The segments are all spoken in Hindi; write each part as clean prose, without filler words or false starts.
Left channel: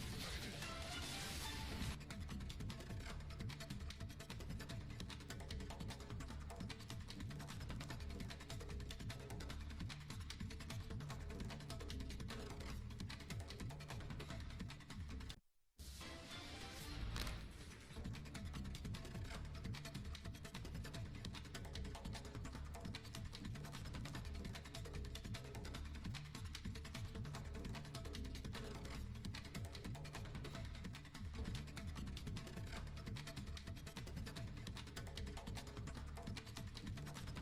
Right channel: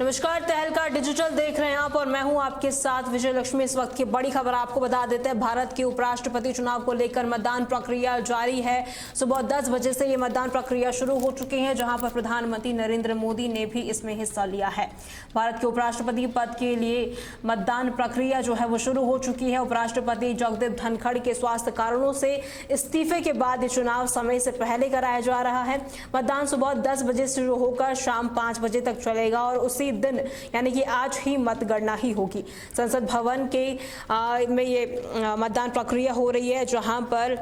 नमस्कार, तहलका डिजिटल देख रहे हैं आप और मैं हूं आपके साथ विजय लक्ष्मी। इस वक्त की बड़ी खबर आपको बता देते हैं। भारत के उपराष्ट्रपति चुनाव को लेकर मतदान प्रक्रिया जारी है। सुबह 10 बजे से ये मतदान प्रक्रिया शुरू हो चुकी है, जहां पर प्रधानमंत्री नरेंद्र मोदी ने भी इसमें हिस्सा लिया है। भारत के उपराष्ट्रपति पद के लिए मतदान प्रक्रिया जो है वो शुरू हो चुकी है। उपराष्ट्रपति जगदीप धनखड़ के स्वास्थ्य कारणों से इस्तीफे के बाद ये चुनाव समय से पहले कराया जा रहा है। मतदान सुबह 10 बजे शुरू होकर शाम 5 बजे तक चलेगा और उसी दिन यानी कि आज ही मतगणना ही होगी। संसद भवन के में ये मतदान प्रक्रिया हो रही है, जहां पर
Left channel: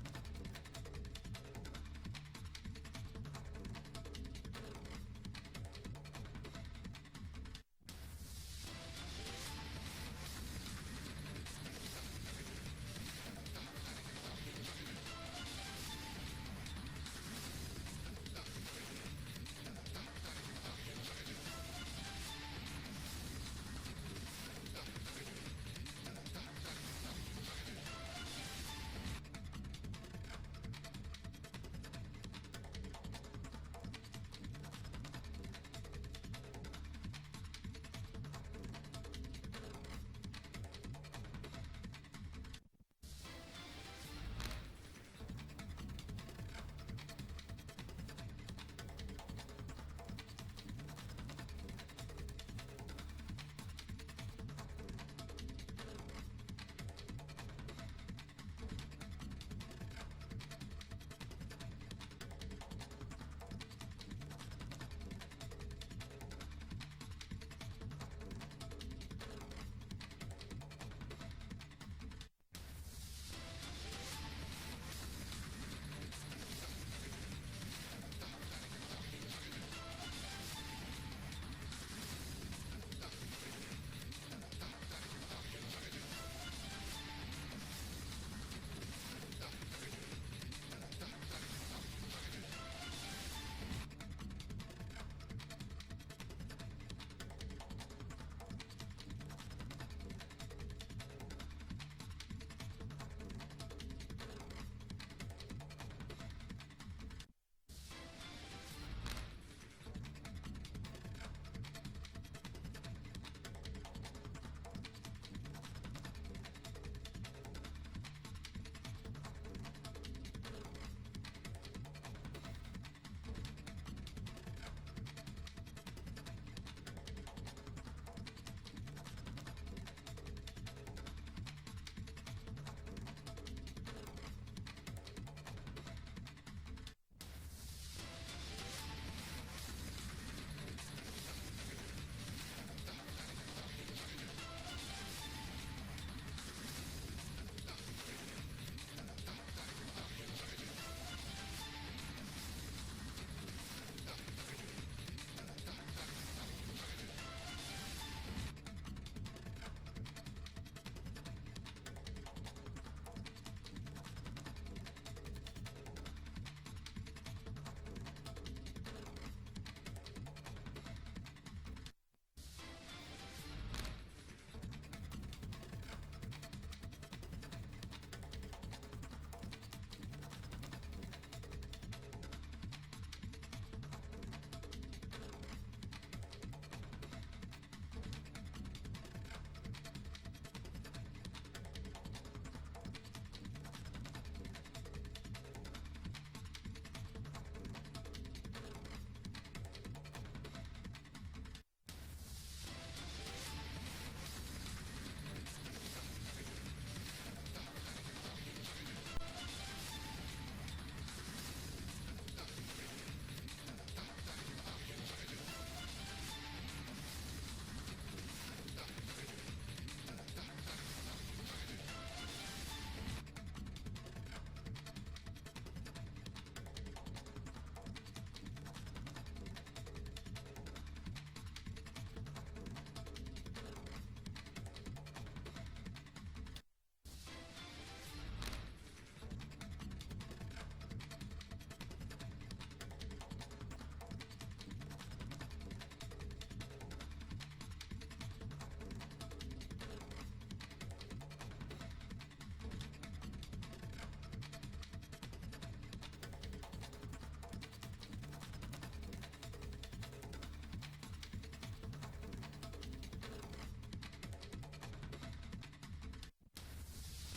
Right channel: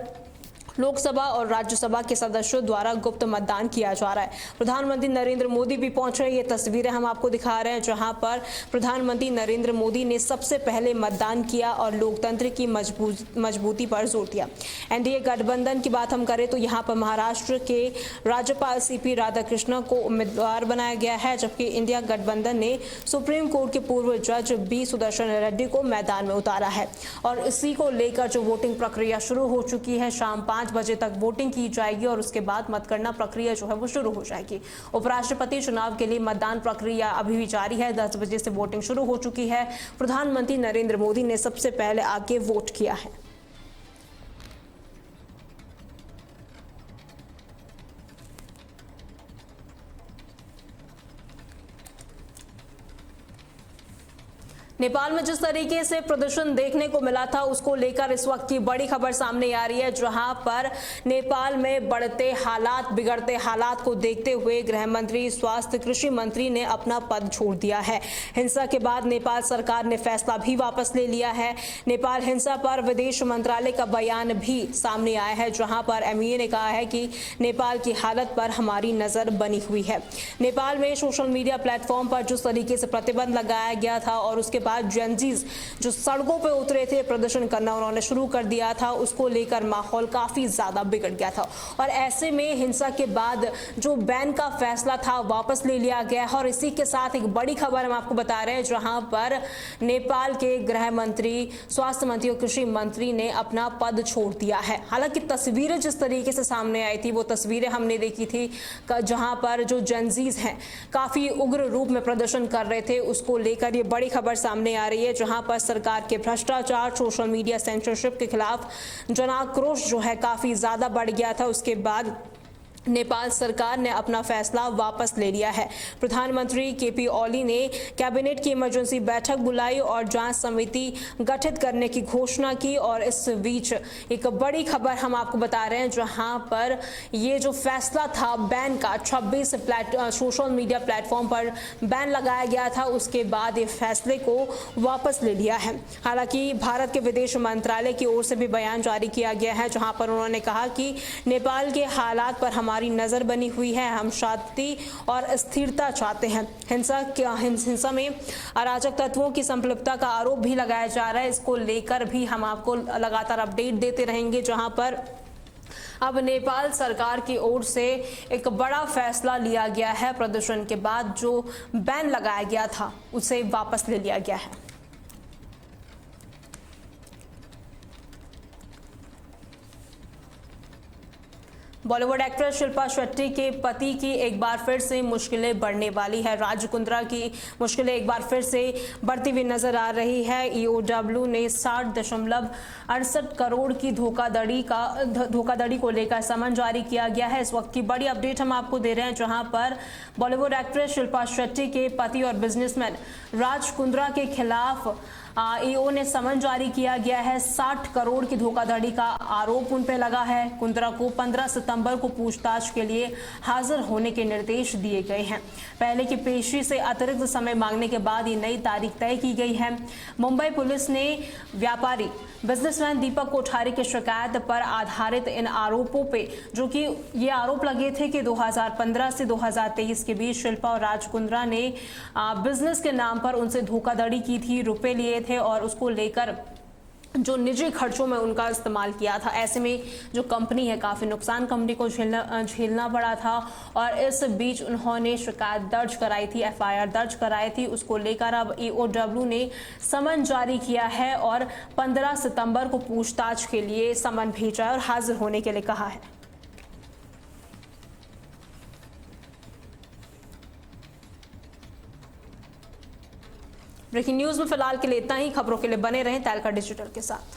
लोकसभा और राज्यसभा के सदस्यों द्वारा गुप्त मतदान किया जा रहा है। प्रधानमंत्री नरेंद्र मोदी भी पहुंच रहे हैं। ये तस्वीरें हम आपको दिखा रहे हैं, जहां पर प्रधानमंत्री नरेंद्र मोदी ने सबसे पहले मतदान किया और लोकतंत्र की मजबूती पर जोर दिया। एनडीए गठबंधन की बात हम करें तो यहाँ पर महाराष्ट्र के राज्यपाल सीपी राधाकृष्णन को उम्मीदवार बनाया गया है, जबकि इंडिया गठबंधन ने सुप्रीम कोर्ट के पूर्व जज बी सुदर्शन रेड्डी को मैदान में उतारा है। और इसी को लेकर जो वोटिंग प्रक्रिया शुरू हो चुकी है, शाम 5 बजे तक वोटिंग की जाएगी और उसके बाद मतगणना प्रक्रिया जो है वो शुरू हो जाएगी। उपराष्ट्रपति चुनाव के लिए मतदान प्रक्रिया अभी भी जारी है। 10 बजे से वोटिंग शुरू हो चुकी है। प्रधानमंत्री नरेंद्र मोदी ने सबसे पहले आके वोट किया है। नेपाल में जिस तरीके से प्रदर्शन देखने को मिला था, उसको लेकर इस वक्त की बड़ी खबर सामने आ रही है, जहां पर नेपाल में बिगड़ते हालात को देखते हुए गृह मंत्री, स्वास्थ्य, कृषि मंत्री ने अपना पद छोड़ दिया है। हिंसा के बाद नेपाल सरकार ने फैसला भी वापस ले लिया है। नेपाल हिंसा पर विदेश मंत्रालय का बयान भी सामने आया है, जहां पर एमईए ने कहा है कि नेपाल की हालत पर हमारी नजर बनी हुई है। नेपाल में सोशल मीडिया प्लेटफॉर्म पर जिस तरीके से प्रतिबंध लगाया गया था और उसके बाद जेनजीज जो सड़कों पे उतरे थे प्रदर्शन करना उन्होंने शुरू कर दिया था, उसको लेकर माहौल काफी ज्यादा बिगड़ गया था। और ऐसे में हिंसा के बाद जो बैन का फैसला था वापस ले लिया गया है। और इसी के साथ एक बड़ी खबर हम आपको बता रहे हैं, जहां पर नेपाल के गृह मंत्री, स्वास्थ्य मंत्री और कृषि मंत्री ने अपना पद छोड़ दिया है। हालांकि तस्वीरें जिस तरीके से सामने आई थी वो तस्वीरें हमने देखी थी, जहां पर जो जेनजीज हैं काफी उग्र रूप में प्रदर्शन कर रहे थे। उसको लेकर ये बड़ी खबर सामने आ रही है, जहां पर सरकार के भ्रष्टाचार, सोशल मीडिया सेंसरशिप के खिलाफ जन आक्रोश जो है काफी ज्यादा बढ़ गया था। उसके बाद नेपाल सरकार ने अपना फैसला वापस ले लिया है। प्रधानमंत्री केपी ओली ने कैबिनेट की इमरजेंसी बैठक बुलाई और जांच समिति गठित करने की घोषणा की। और इस बीच एक बड़ी खबर हम आपको बता रहे हैं, जहां पर ये जो फैसला था बैन का, 26 सोशल मीडिया प्लेटफॉर्म पर बैन लगाया गया था, उसके बाद ये फैसले को वापस ले लिया है। हालांकि भारत के विदेश मंत्रालय की ओर से भी बयान जारी किया गया है, जहां पर उन्होंने कहा कि नेपाल के हालात पर हमारी नजर बनी हुई है, हम शांति और स्थिरता चाहते हैं। हिंसा में अराजक तत्वों की संपृक्तता का आरोप भी लगाया जा रहा है। इसको लेकर भी हम आपको लगातार अपडेट देते रहेंगे, जहां पर अब नेपाल सरकार की ओर से एक बड़ा फैसला लिया गया है। प्रदर्शन के बाद जो बैन लगाया गया था उसे वापस ले लिया गया है। बॉलीवुड एक्ट्रेस शिल्पा शेट्टी के पति की एक बार फिर से मुश्किलें बढ़ने वाली है। राज कुंद्रा की मुश्किलें एक बार फिर से बढ़ती हुई नजर आ रही है। ईओडब्ल्यू ने 60.68 करोड़ की धोखाधड़ी को लेकर समन जारी किया गया है। इस वक्त की बड़ी अपडेट हम आपको दे रहे हैं, जहां पर बॉलीवुड एक्ट्रेस शिल्पा शेट्टी के पति और बिजनेसमैन राज कुंद्रा के खिलाफ ईओ ने समन जारी किया गया है। 60 करोड़ की धोखाधड़ी का आरोप उन पर लगा है। कुंद्रा को 15 सितंबर को पूछताछ के लिए हाजिर होने के निर्देश दिए गए हैं। पहले की पेशी से अतिरिक्त समय मांगने के बाद ये नई तारीख तय की गई है। मुंबई पुलिस ने व्यापारी बिजनेसमैन दीपक कोठारी की शिकायत पर आधारित इन आरोपों पे, जो कि ये आरोप लगे थे कि 2015 से 2023 के बीच शिल्पा और राज कुंद्रा ने बिजनेस के नाम पर उनसे धोखाधड़ी की थी, रुपए लिए थे और उसको लेकर जो निजी खर्चों में उनका इस्तेमाल किया था। ऐसे में जो कंपनी है काफ़ी नुकसान कंपनी को झेलना पड़ा था। और इस बीच उन्होंने शिकायत दर्ज कराई थी, एफआईआर दर्ज कराई थी। उसको लेकर अब ईओडब्ल्यू ने समन जारी किया है और 15 सितंबर को पूछताछ के लिए समन भेजा है और हाजिर होने के लिए कहा है। ब्रेकिंग न्यूज में फिलहाल के लिए इतना ही। खबरों के लिए बने रहें तहलका डिजिटल के साथ।